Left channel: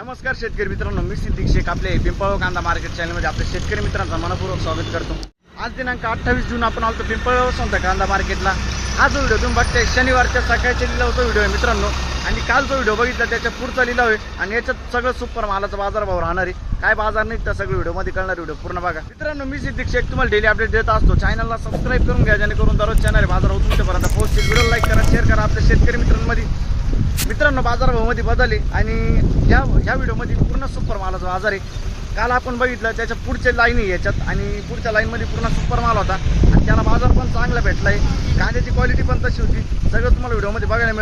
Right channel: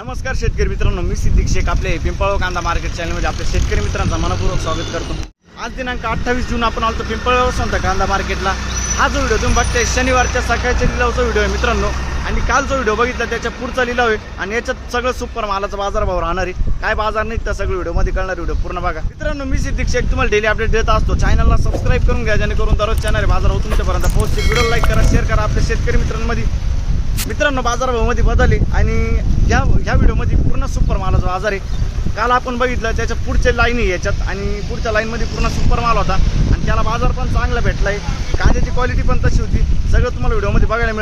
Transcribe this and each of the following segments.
नमस्कार शेतकरी मित्रांनो, मी सिद्दीक शेख आपले पिंपळगाव कांदा मार्केट चॅनलमध्ये आपल्या शेतकरी मित्रांचा मनपूर्वक स्वागत करतो। आज दिनांक 28 जून आपण आलो पिंपळगाव संत कांदा मार्केटला। हा जो व्हिडिओ तुम्ही बघताय शनिवारच्या सकाळच्या लिलावचा व्हिडिओ आहे मित्रांनो, आणि काल जो व्हिडिओ बघितला त्याच्या पुढचा लिलाव आहे आणि याच्यात सगळं सुपर मालाचा बाजारभाव राहणार आहे। काय बाजार नाही त्या सगळं व्हिडिओमध्ये कळणार, व्हिडिओ पूर्ण बघा मित्रांनो। मी सिद्दीक शेख तुम्हाला डेली अपडेट देत असतो। चॅनलला सबस्क्राईब करून घ्या जेणेकरून दररोज चॅनल बाजार तुमच्यापर्यंत पोहोचतील। व्हिडिओ लाईक करा, शेअर करा आपल्या शेतकरी मित्रांमध्ये। मित्रांनो बाजारभावामध्ये बदल आहे आणि ह्या व्हिडिओमध्ये पूर्ण सुपर मालाचा बाजार आहे। काल आपण बघितलं त्याच्या पुढच्या लाईन आहे याच्यात, आणि पुढच्या लाईनमध्ये पूर्ण सुपर माल होता आणि त्याला बाजार पण चांगला भेटला आहे। कांद्याची क्वालिटी पण तशी होती, सगळं तुम्हाला व्हिडिओमध्ये बघायला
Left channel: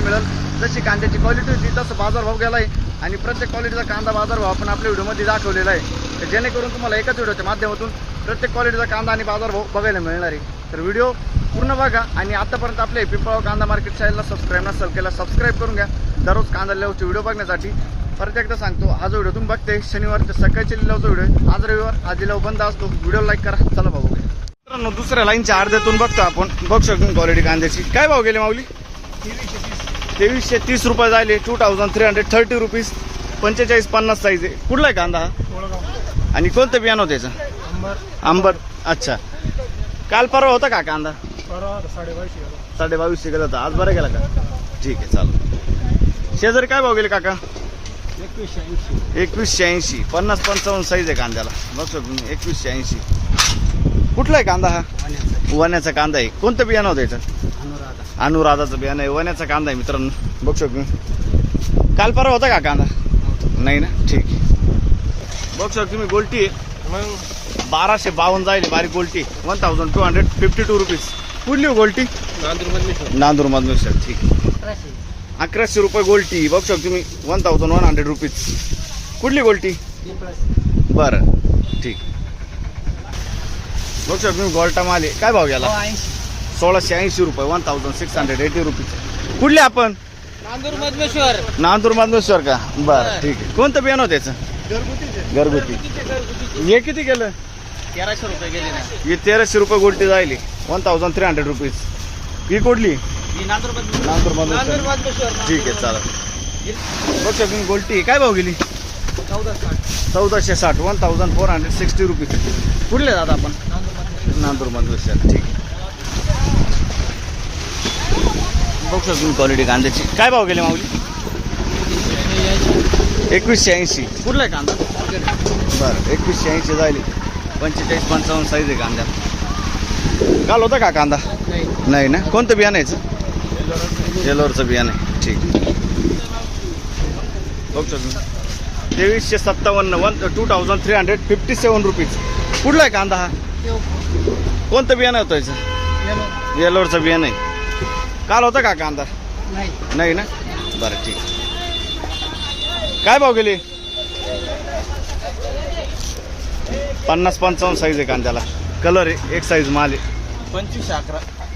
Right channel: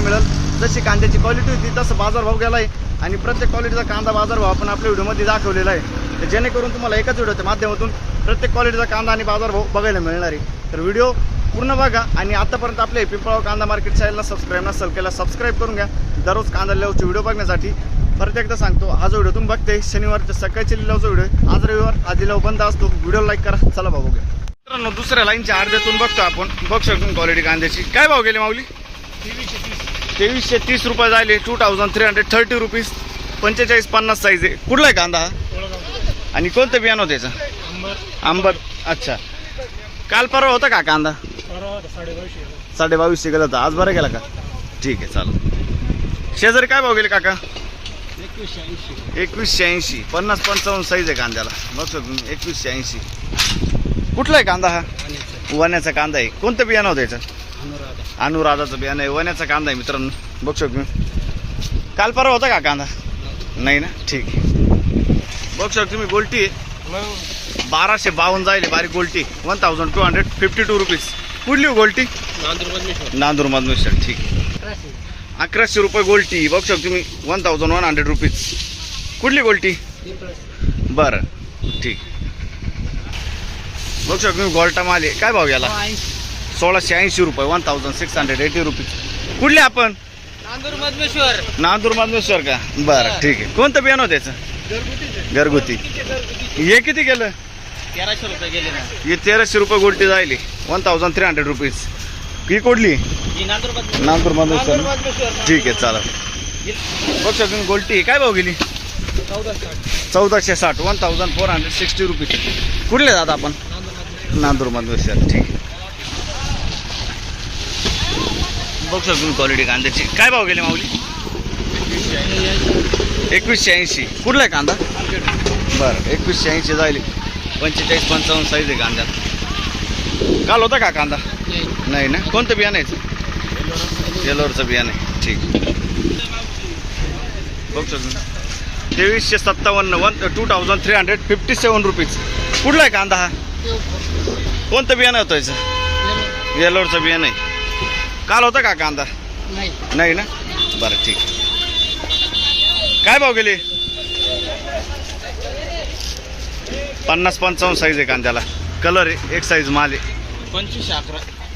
मिळेल। जशी कांद्याची क्वालिटी होती तसं बाजारभाव गेला आहे आणि प्रत्येक क्वालिटीचा कांदा बाजारभाव आपण आपल्या व्हिडिओमध्ये दाखवलेला आहे, जेणेकरून तुम्हाला एकाच व्हिडिओच्या माध्यमातून प्रत्येक क्वालिटीचा कांदा आणि बाजारभाव बघायला मिळणार आहे। तर व्हिडिओ पूर्ण बघा आणि आतापर्यंत आपले पिंपळगाव कांदा मार्केट चॅनलला सबस्क्राईब नसेल केला सबस्क्राईब करून घ्या दररोज कांदा लिलावचे व्हिडिओ बघण्यासाठी। परत एकदा सांगतो, हा जो व्हिडिओ तुम्ही बघते शनिवारच्या सकाळच्या लिलावचा व्हिडिओ, आज रविवार हा लिलाव बंद असतो। व्हिडिओ लाईक करा, चला बघू घ्या मित्रांनो। दुसऱ्या लाईनच्या अर्ध्यातून बघतो आपण, बघू शकतो क्वालिटी कांद्याची। काय भाव गेले माऊली? 2330 रुपये झाले, 2330 रुपीज, 45-50 साईज आहे। कुठला आहे कांदा आणि कोणतं बियाणं होतं त्याचं? आंबर। अच्छा, काल परवा होता का कांदा? 2250 गेला होता, आज बरं गेला का? ठीक आहे, चालेल। शेजारी काय भाव गेले काका? 2180, 50-55 साईज आहे कांद्याला, बघ शकतो 2180। कुठला आहे कांदा? हा वण्याचा कांदा आहे। कोणतं बियाणं होतं याचं? अनुराधाचं बियाणं आहे, वण्याचा कांदा आहे मित्रांनो, बघ शकतो। काल परवा होता का कांदा? नाही ना, ठीक आहे। बघ शकतो तुम्ही गोल्टी आहे 1252 जायले, बारीक गोल्टी 1252 रुपीज। कुठली गोल्टी? नांदूर मधमेश्वर, ठीक आहे। 1100 रुपये गोल्टी, बघू शकतो तुम्ही 1100 रुपीज। कुठली गोल्टी? बरं, ठीक। बघू शकतो तुम्ही गोल्टा माल आहे। काय भाव गेला? 1680 रुपये, 1680 रुपीज। कुठले आपण? नांदूर मधमेश्वर का? बरं, ठीक आहे। कोणतं बियाणं होतं त्याचं? घरगुती। हे किती गेलं? 1300 रुपये गेले ना। हे 1300 रुपये गोल्टी जायली, 1300 रुपीज। ही कुठली? नांदूर मधमेश्वर, ठीक आहे, चालेल। बघ शकतो गोल्टी काय भाव गेली? 1460, 1460 रुपीज। कुठले जात आपण? नांदूर मधमेश्वर, ठीक आहे। बघ शकतो क्वालिटी कांद्याची। काय भाव गेले माऊली? 2180। कुठला आहे कांदा? बरं, 2180 जायले, 45-55 साईज आहे कांद्यात। काल होता का कांदा? नाही ना। कोणतं बियाणं आहे? येलोरचं बियाणं आहे, ठीक। बघ शकतो 2357, 2357 रुपीज। कुठला आहे कांदा? हा कोणतं बियाणं होतं याचं? येलोरचं बियाणं आहे। काल होता का कांदा? नाही ना, बरं, ठीक। काय भाव गेले? 50-55 साईज आहे कांद्याला, कलर आहे, एक साईज माल आहे।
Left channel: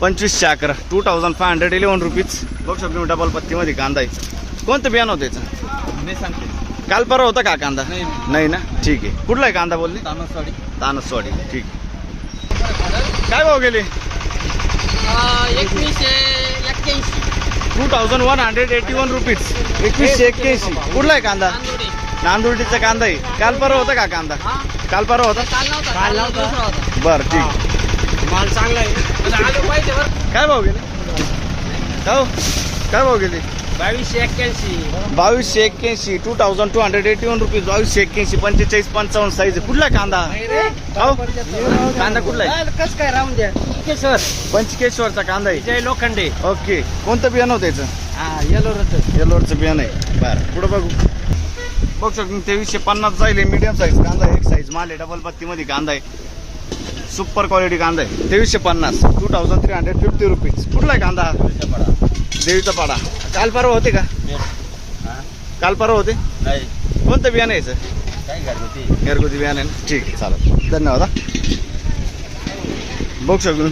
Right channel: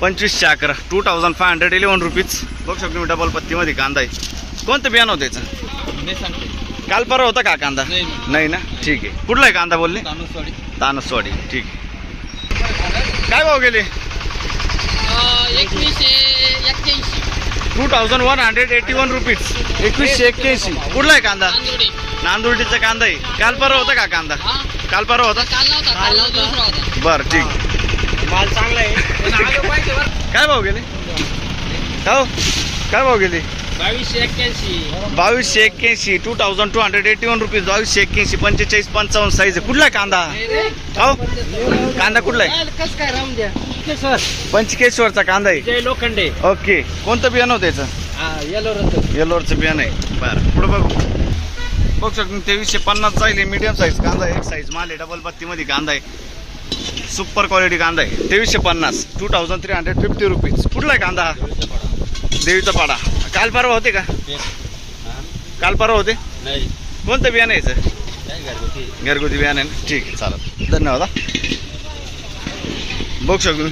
2511, 2511 रुपीज। बघू शकतो मी डबल पत्तीमध्ये कांदा आहे। कोणतं बियाणं होतं याचं? काल परवा होता का कांदा? नाही ना, ठीक आहे। कुठला आहे कांदा बोलले? तानसवाडी, ठीक आहे। काय भाव गेले? 2181 रुपीज, 2181। कुठला आहे कांदा? नांदुर्डीचा कांदा आहे। काल परवा होता का कांदा? काल परवा होता, बरं, ठीक। काय भाव गेले? काय भाव गेले? 2281, 2281 रुपीज, 2281, 45-55 साईज आहे। कुठला कांदा? कांदा कुठला आहे? पंचकेश्वरचा कांदा आहे, जय लोखंडे। ओके। कोणतं बियाणं होतं याचं? येलोरचं बियाणं आहे, बरं। पुढे बघू, बघू शकतो 2350 जाईल, मीडियम साईज कांदा आहे, एक साईज माल आहे, डबल पत्तीमध्ये कांदा आहे, सुपर क्वालिटी कांदा आहे। 2350, 2350 रुपीज। कुठला आहे कांदा? देवीचा पाडा। काल परवा होते का? काल परवा होते? नाही। कोणतं बियाणं यायचं? घरगुती बियाणं आहे ना, ठीक आहे, चालेल, धन्यवाद। बघू शकतो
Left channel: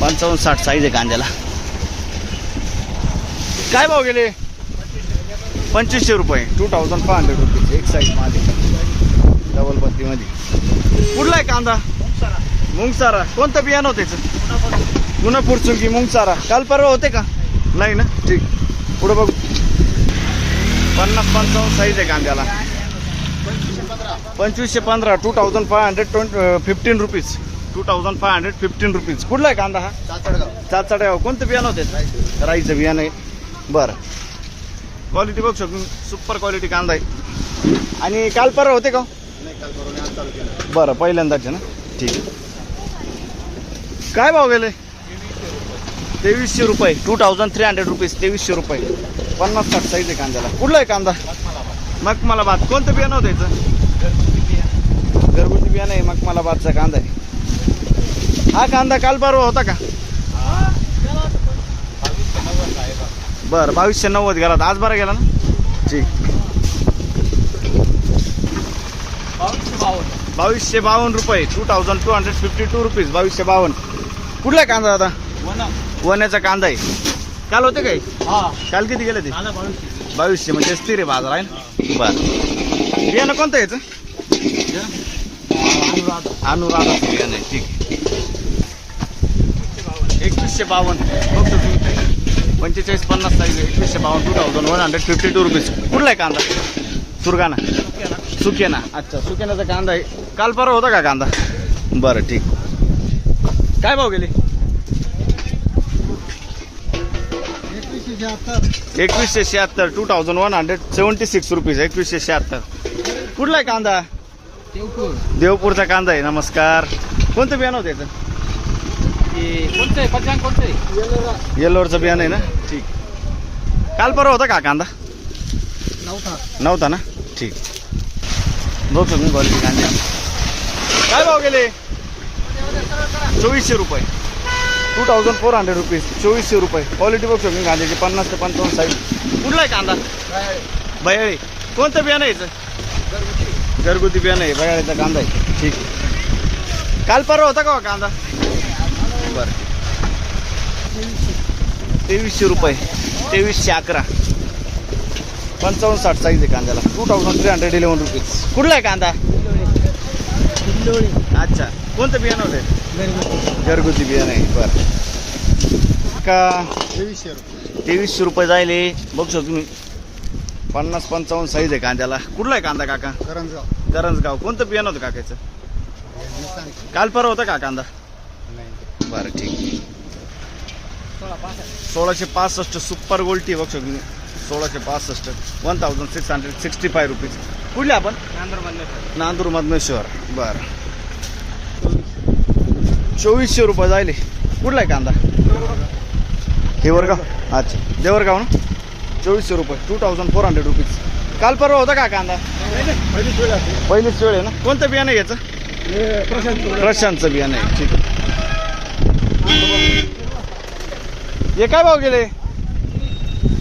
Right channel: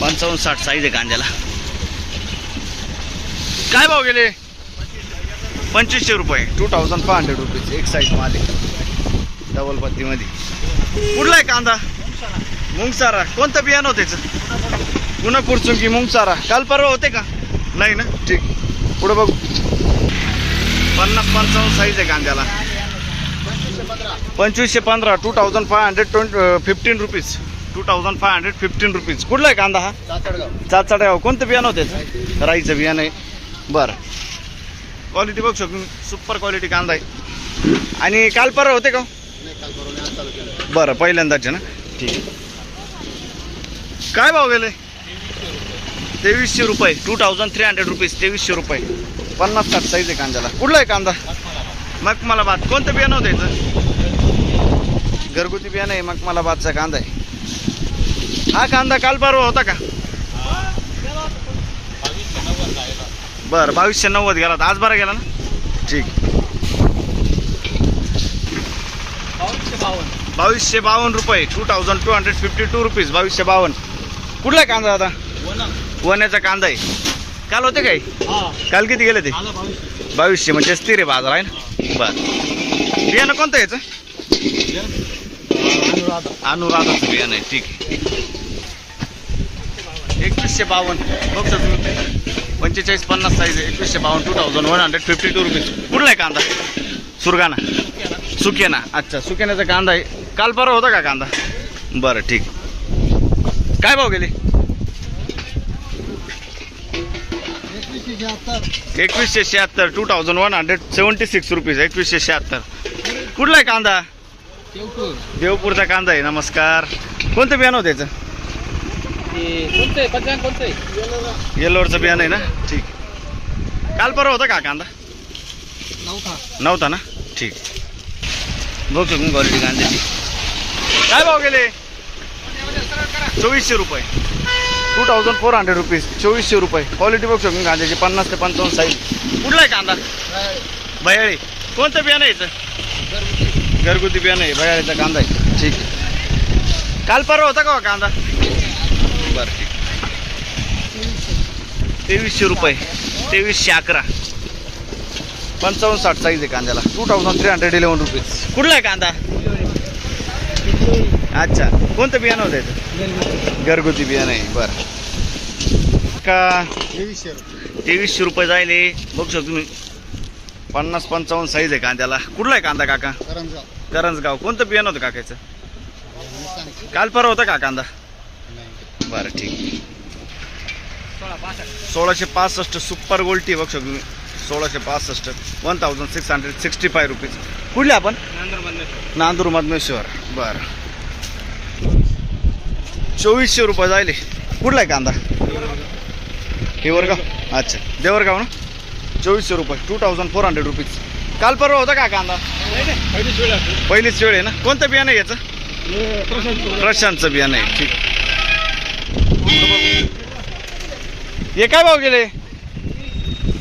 55-60 साईज आहे कांद्याला। काय भाव गेले? 2500 रुपये, 2500 रुपीज, एक साईज माल आहे, डबल पत्तीमध्ये। कुठला आहे कांदा? मुंगसारा। कोणतं बियाणं होतं त्याचं? पुन्हा चुंकी मुंगसारा। काल परवा होते का? नाही ना, ठीक। पुढे बघू 50-55 साईज आहे कांद्याला. 2515 2515 रुपीज 2515 रुपीज. कुठला आहे कांदा हा? चाचडगाव. कोणतं बियाणं होते? राईचं बियाणं आहे. बरं, क्वालिटी बघू शकतो, सुपर क्वालिटी कांदा आहे. आणि काल परवा होते का? बरं, पहिल्यांदाच आहे ना. ठीक. काय भाव गेले? 2300 रुपये 2300 रुपीज 2300 रुपये. 50-60 साईज आहे कांद्याला. कुठला आहे कांदा? मखमलाबाद. कोणतं बियाणं होतं याचं? घरगुती बियाणं आहे, मखमलाबादचा कांदा आहे. हा कांदा काल परवा होता का? बरं, 2290 गेला. आज बरा गेला ना. ठीक. 2252 रुपये 2252 रुपीज 2252. कुठला आहे कांदा दादा? वण्याचा कांदा आहे. काल होते काय? काल किती गेले ते? 2200. म्हणजे स्थिर आहे बाजार आहे ना. बरं, बियाणं कोणतं याचं? अनुराधाचं बियाणं आहे. ठीक आहे. 2152 बघतो तुम्ही. 45-50 साईज आहे. 2152 2152 रुपीज. कुठला आहे कांदा? सुरगाणा. सुकेना. अच्छा, सुकेनाचा कांदा आहे. काल परवा होता का कांदा? बरं, ठीक. काय भाव गेले? 2176 2176 रुपीज 2176. कुठला आहे कांदा? देवपूरचा कांदा आहे. नमस्कार. कोणतं बियाणं होतं त्याचं? येल्लोरचं बियाणं आहे ना. ठीक. काल परवा होता का कांदा? नव्हता ना. ठीक. बघू शकतो क्वालिटी कांद्याची. काय भाव गेले? 2400 रुपये 2400 रुपीज 2400 रुपये. क्वालिटी बघू शकतो कांद्याची. 50 ते 55 साईज. कुठला आहे कांदा? बयाळी. कोणतं बियाणं यायचं? घरगुती बियाणं आहे. बयाळीचा कांदा आहे. ठीक आहे. काल परवा होता का कांदा? बरं, ठीक. 2300 रुपये 2311 55-60 साईज आहे कांद्याला. 2311 रुपीज. कुठला आहे कांदा? अच्छा, कोणतं बियाणं होतं? घरगुती बियाणं आहे. बरं का? 2300 रुपये जायले. बघू शकतो तुम्ही. 50-55 साईज आहे कांद्याला. कुठला आहे कांदा काका? करंजगाव. कोणतं बियाणं होतं काकाचं? काल परवा होता का कांदा? बरं, ठीक. 1665 सुपर गोल्टी. बघू शकतो तुम्ही. 1665 1665 रुपीज. कुठले आपण? नांदूर मधमेश्वर. बरं, 2400 रुपये जायले. कुठला आहे कांदा? देवरगाव. अच्छा, देवरगाव ना. 2400 रुपये 2400 रुपीज. काल परवा होता का कांदा? पहिलीच वेळ आहे ना. कोणतं बियाणं आहे याचं? प्रशांतचं बियाणं आहे. ठीक. हे काय भाव गेले?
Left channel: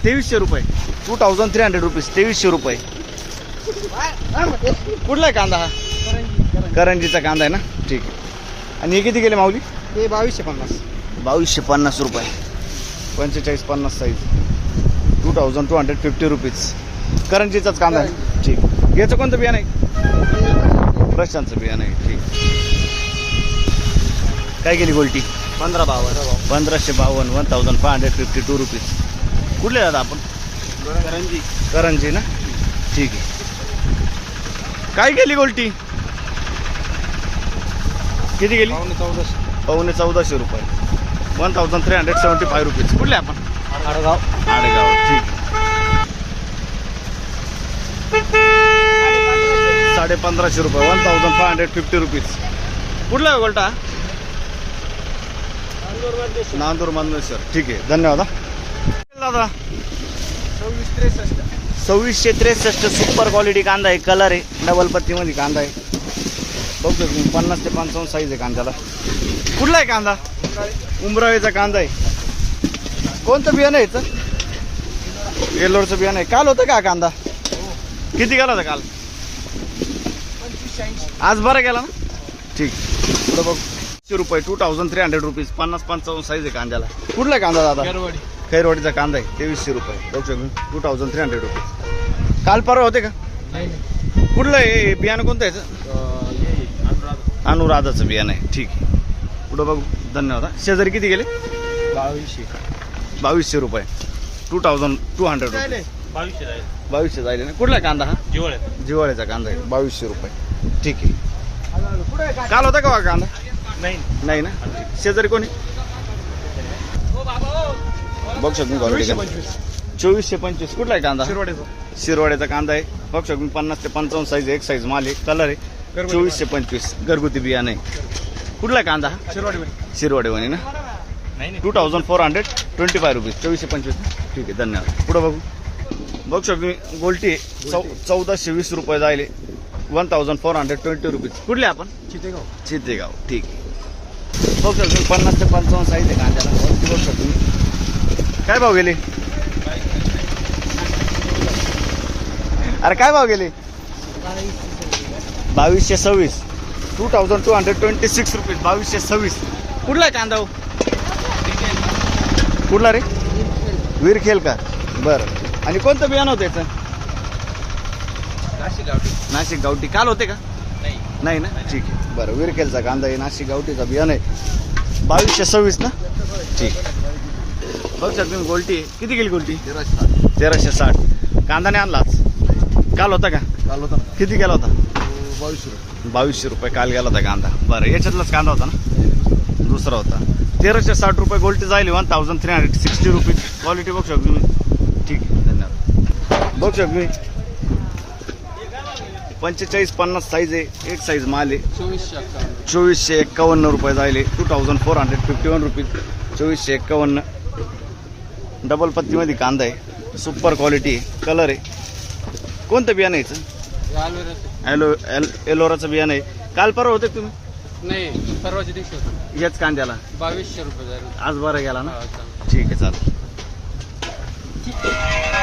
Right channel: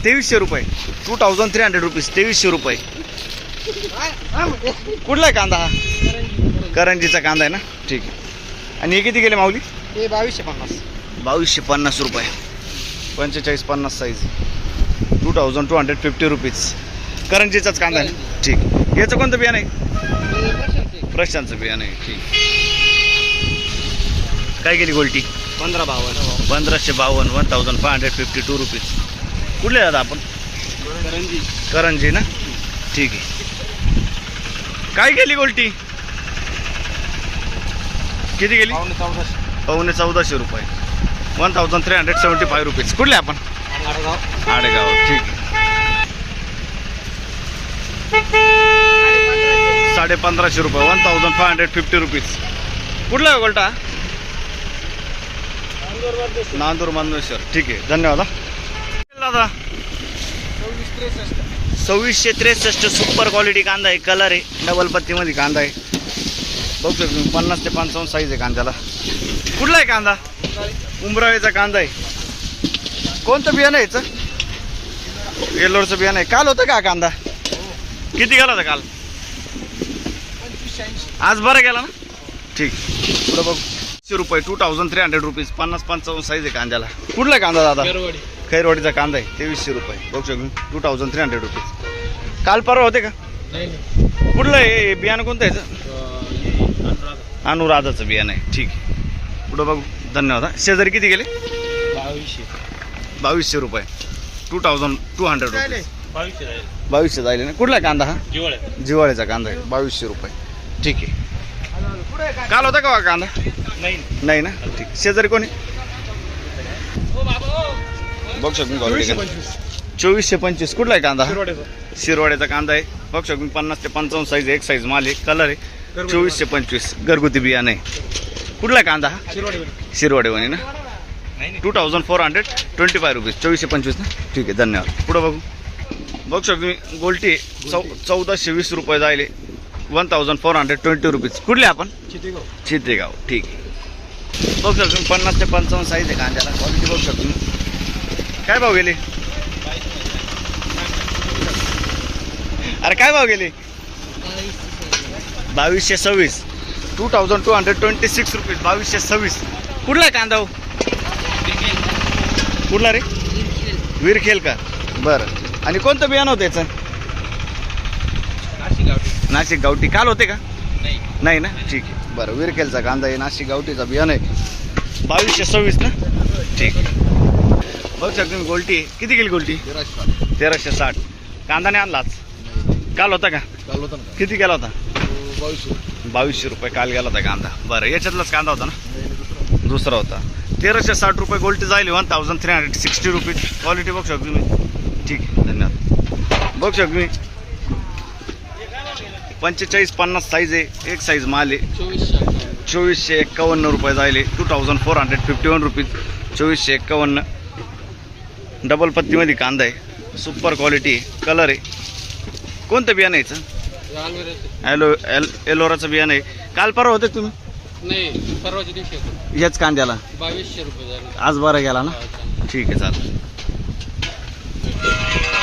2300 रुपये 2300 रुपीज 2300 रुपये. कुठला आहे कांदा हा? करंजीचा कांदा आहे ना. ठीक आहे. आणि हे किती गेले माऊली? 2250 रुपये 45-50 साईज 2250 रुपीज. करंजीचाच कांदा आहे. ठीक. याचं कोणतं बियाणं आहे? प्रशांतचं बियाणं आहे. ठीक. काय गेली गोल्टी? 1552 1552 रुपीज. कुठले दादा आपण? करंजी ना. ठीक आहे. काय गेली गोल्टी? किती गेली? 1450 रुपये 1375 रुपीज. कुठले आपण? आडेगाव. ठीक आहे. 1550 रुपये 1550 रुपीज. कुठला आहे गोल्टा? नांदूर मधमेश्वर. ठीक आहे. धन्यवाद दादा. 2663 सुपर क्वालिटी कांदा आहे. कलर आहे. डबल पत्तीमध्ये कांदा आहे. बघतो तुम्ही. 50 ते 55 साईज आहे कांद्याला. कुठला आहे कांदा? उमराळीचा कांदा आहे. कोणतं बियाणं आहे याचं? येल्लोरचं बियाणं आहे. काल होतं का कांदा? किती गेला होता काल? आज बरं गेला ना. ठीक. पुढं बघ. 100 रुपये 2300 रुपीज 50-55 साईज आहे कांद्याला. कुठला आहे कांदा दादा? खैरवाडीचा कांदा आहे. 2300 रुपये बघू शकतो. 2300 रुपीज. काल परवा होते का? कुठलं आहे बियाणं? कोणतं याचं? अनुराधाचं बियाणं आहे. ठीक आहे. पुढं बघू. धन्यवाद. शेजारी किती गेले? 2200 रुपये 2200 रुपीज 2200 जाईल ना. कुठला कांदा हा? जिवळ जिवाळ्याचा कांदा आहे 2200 रुपये. ठीक आहे. काल होता का बा कांदा? नाही ना. ठीक. शेजारी कोणी बघ शकून क्वालिटी 2425. कुठला आहे कांदा? शिरवाड्याचा कांदा आहे. बघ शकून 50 ते 55 साईज एक साईज माल आहे. कलर आहे 2425. घरगुती बियाणे. कुठला कांदा हा? शिरवाडेवाणी ना. 2425 रुपीज. 2425 ना. ठीक आहे. धन्यवाद. पुढं बघू. बघू शकतो गोल्टी 1420 रुपये जायले. 1420 रुपीज. कुठले आपण? चितेगाव. ठीक आहे. बघू शकतो 50 ते 55 साईज आहे कांद्याला. क्वालिटी बघू शकतो. काय भाव गेले? अरे काय भाव गेले? 2226. 2226 रुपीज. 2226. कुठला कांदा हो? कुठला रे? विरखेल का? बरं. आणि कोणतं बियाणं होतं याचं? नाशिक गावठी. काल होते का? नाही ना. ठीक आहे. बरं. विरखेलचा कांदा आहे. नाशिक गावठीचा बियाणं आहे. 2226 ना. ठीक आहे. बघू शकतो गोल्टी किती गेली गोल्टी? 1360. कांदा नाही आणला आज? काल होता का? काल होता ना. किती गेला होता? 2200 रुपये काल गेला होता कांदा. बरं. याच्यातलाच कांदा होता ना. दुसरा होता. 1360 रुपये गोल्टी जाईल. 1360 रुपीज. क्वालिटी बघू शकतो मी. ठीक आहे. धन्यवाद. बघू शकतो मी 45-50 साईज आहे. एक साईज माल आहे. 2451 रुपये जायले. 2451 रुपीज. 2451. डबल पत्तीमध्ये कांदा आहे. सुपर क्वालिटी आहे. कलर आहे. कोणतं बियाणं यायचं? एलोराचं बियाणं आहे. काल परवा होते तुम्ही? नाही, परवाच्या दिवशी होतं. याच कांद्याला 2200 रुपये झाले. आज बरं गेला ना. ठीक आहे. चालेल.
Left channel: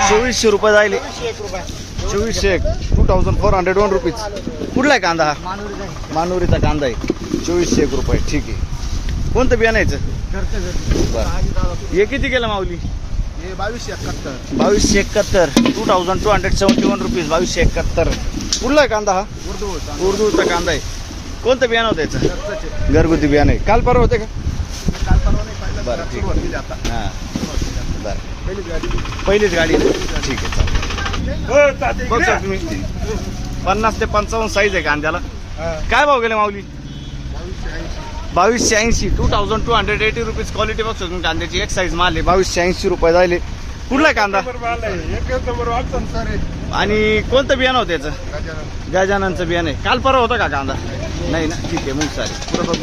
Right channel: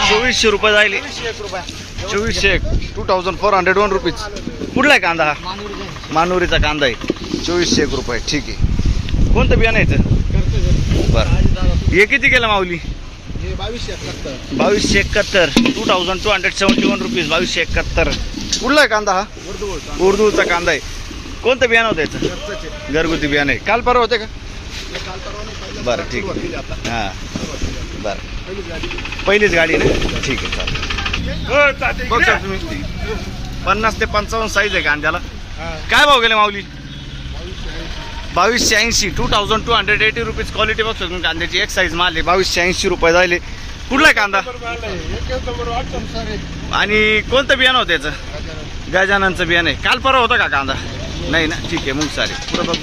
2400 रुपये जायले. 2401. 2401 रुपीज. कुठला आहे कांदा हा? मानुरीचा कांदा आहे. 2401 रुपये. ठीक आहे. कोणतं बियाणं यायचं? बरं. हे किती केलं माऊली? 2271. 2271 रुपीज. 2271. कुठला आहे कांदा हा? उर्दूचा कांदा आहे. कोणतं बियाणं होतं याचं? घरगुती बियाणं आहे. काल परवा होते का? बरं. ठीक आहे. हां. बरं. पहिलीच गाडी आहे ना. ठीक आहे. चालेल. बघ सर तुम्ही 50 ते 55 साईज आहे कांद्याला. काय भाव गेले माऊली? 2280. 2280 रुपीज. क्वालिटी बघ तुम्ही कांद्याची. एक साईज माल आहे. 2280 रुपये जायले. कुठला कांदा? आणि कोणतं बियाणं होतं याचं? गजाननचं बियाणं आहे. काल परवा होतं का कांदा? नाही ना. ठीक आहे. मग सारे पुढं बघ.